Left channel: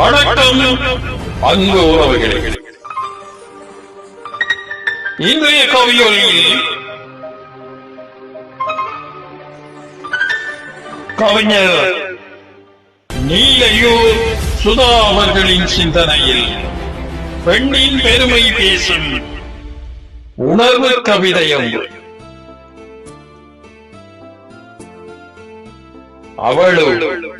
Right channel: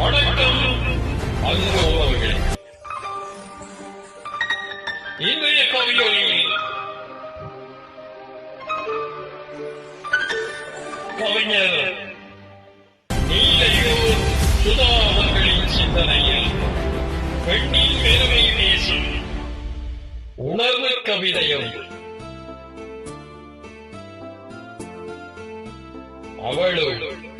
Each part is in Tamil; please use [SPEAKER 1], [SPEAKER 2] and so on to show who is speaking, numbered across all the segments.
[SPEAKER 1] வணக்கம். அன்பு உறவுகளே. இன்றைய கவியொலியில் கவிஞர் நீலையூர் சுதா அவர்களின் சிந்தனையில் பெண்ணின் பெருமை பேசும் உணர்வு கவிதையம். அவளுள்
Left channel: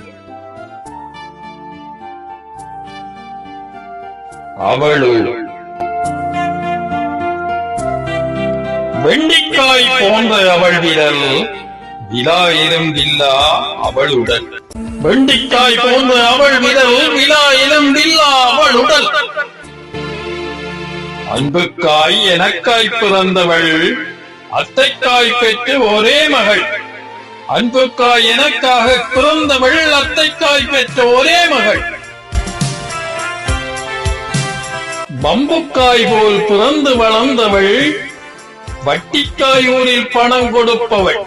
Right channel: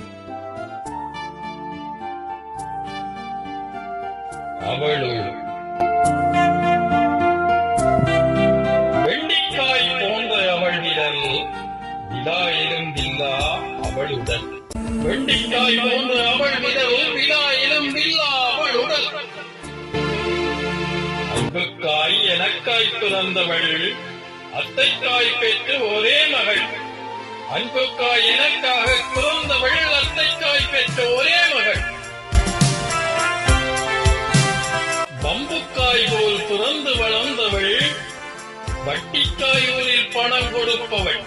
[SPEAKER 1] அவளுள். வெண்டிக்காய் போன்ற அவள் விரல் விழா இருந்தில்லா அவளுடன். வெண்டிக்காய் போன்ற அவள் விரல் விழா இருந்தில்லா அவளுடன். அன்புக்காய் எனக்காய் பிறந்தவள் அத்தைக்காய் பெற்று ஒரே மகள். அன்புக்காய் எனக்காக பிறந்தவள் அத்தைக்காய் பெற்ற ஒரே மகள். பம்புக்காய் போல் பிறந்து வளர்ந்தவள் வட்டிக்காயூரில் பணம் கொடுப்பவள்.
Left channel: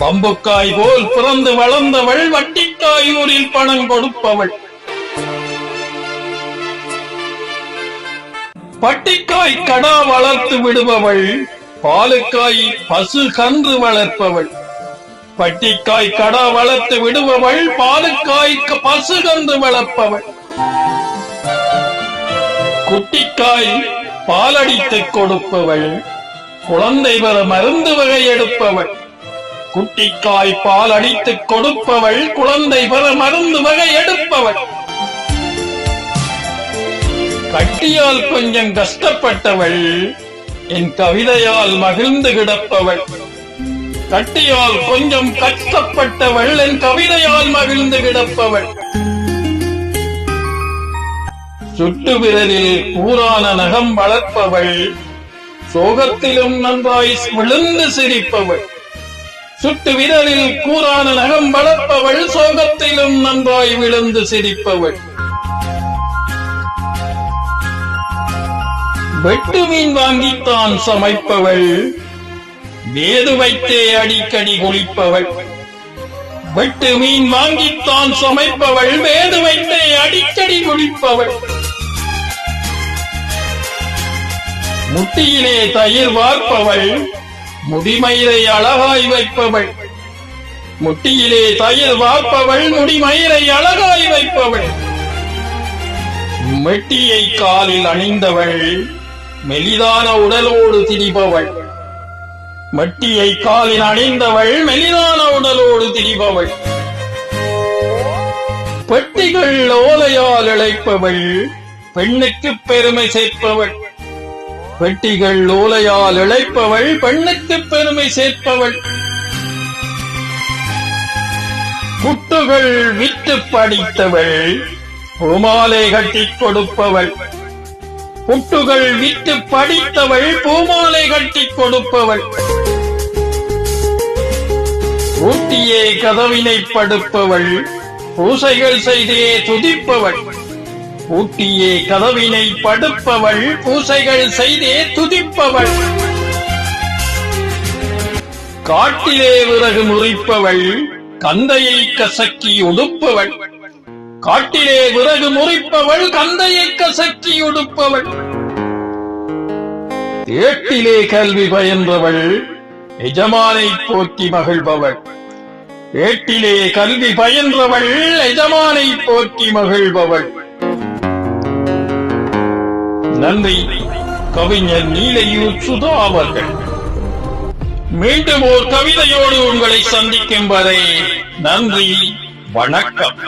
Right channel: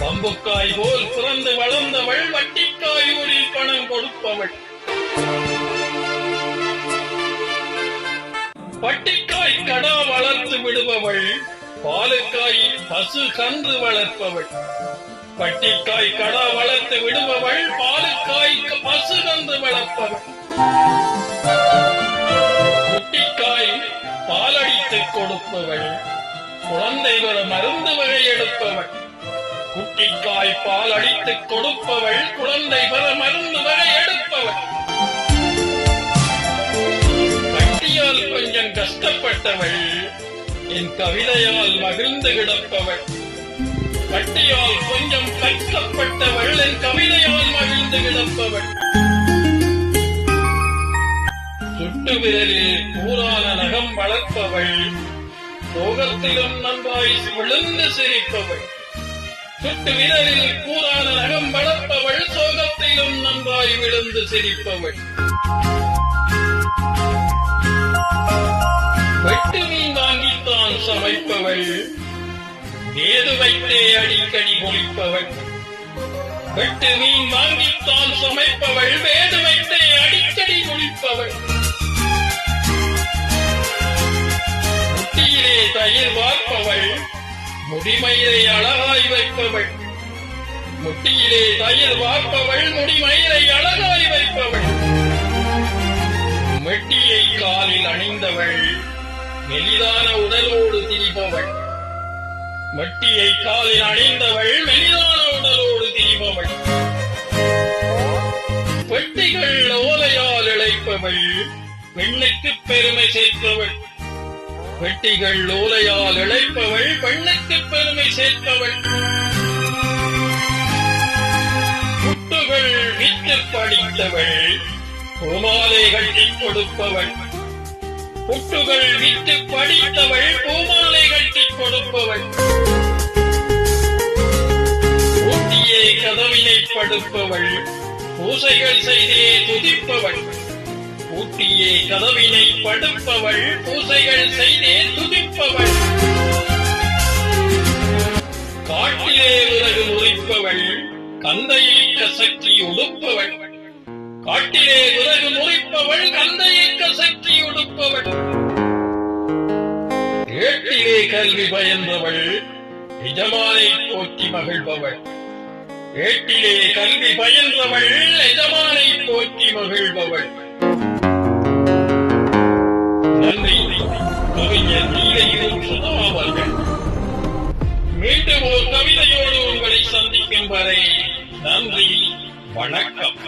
[SPEAKER 1] பம்புக்காய் போல் பிறந்து வளர்ந்தவள் வட்டிக்காயூரில் பணம் கொடுப்பவள். பட்டிக்காய் கடா வளர்த்து விடுபவள் பாலுக்காய் பசு கன்று வளர்ப்பவள். பட்டிக்காய் கடா வளர்த்து விடுபவள் பாலுக்காய் பசு கன்று வளர்ப்பவள். குட்டிக்காய் பாலடித்துக் கொடுப்பவள் குழந்தை பெற மருந்து வகை எடுப்பவள். குட்டிக்காய் பால் அடித்துக் கொடுப்பவள் குழந்தை பெற மருந்து வகை எடுப்பவள். கட்டியால் கொஞ்சம் கஷ்டப்பட்டவள் என் கவிதையால் மகிழ்ந்து கிடப்பவள். கட்டியால் கொஞ்சம் கஷ்டப்பட்டவள் என் கவிதையால் மகிழ்ந்து கிடப்பவள். சுட்டு விரலில் கூரான நகம் வளர்ப்பவள். சோகத்திலும் நன்றாய் விழுந்து சிரிப்பவள். சுட்டு விரலில் கூறான நகம் வளர்ப்பவள் சோகத்திலும் நன்றாய் விழுந்து சிரிப்பவள். வெட்டு மீன் வாங்கித்தான் சமைப்பவள். வேது வைத்தே அடிக்கடி குளிப்பவள். வெட்டு மீன் வாங்கித்தான் சமைப்பவள் வேது வைத்தே அடிக்கடி குளிப்பவள். முட்டியிலே தயிர் வார்ப்பவள் முடிமயிரை அழகாய் வைப்பவள். முட்டியிலே தயிர் வார்ப்பவள் முடிமயிரை அழகாய் வைப்பவள். மெட்டியை காலில் அணிந்தவள் மெலிதான உடலோடு திரிபவள். மெட்டியை காலில் அணிந்தவள் மெலிதான உடலோடு திரிபவள். பெட்டிகள் ஓலையால் இழைப்பவள் பெண்ணுக்கு பெருமை சேர்ப்பவள். வெட்டிகள் ஓலையால் இழைப்பவள் பெண்ணுக்கு பெருமை சேர்ப்பவள். புட்டுகள் விட்டு படித்தவள் பூமாலை கட்டிக் கொடுப்பவள். புட்டுகள் விட்டு படித்தவள் பூமாலை கட்டி கொடுப்பவள். ஊட்டியே கதவினை படுப்பவள் பூசைகள் செய்தே துதிப்பவள். பூட்டியே கதவினை படுப்பவள் பூசைகள் செய்தே துதிப்பவள். காட்டிலே விறகு முறிப்பவள் கந்தையை கசக்கி உடுப்பவள். காட்டிலே விறகு முறிப்பவள் கந்தையை கசக்கி உடுப்பவள். ஏட்டிலே கல்வி பயின்றவள் எஜமானை போற்றி மகிழ்பவள். ஏட்டிலே கல்வி பயின்றவள் எஜமானை போற்றி மகிழ்பவள். நன்றி கவிஞர் நீலையூர் சுதா அவர்கள் மீண்டும் ஒரு கவிதையோடு உங்களை சந்திக்கும் வரை நன்றி வணக்கம்.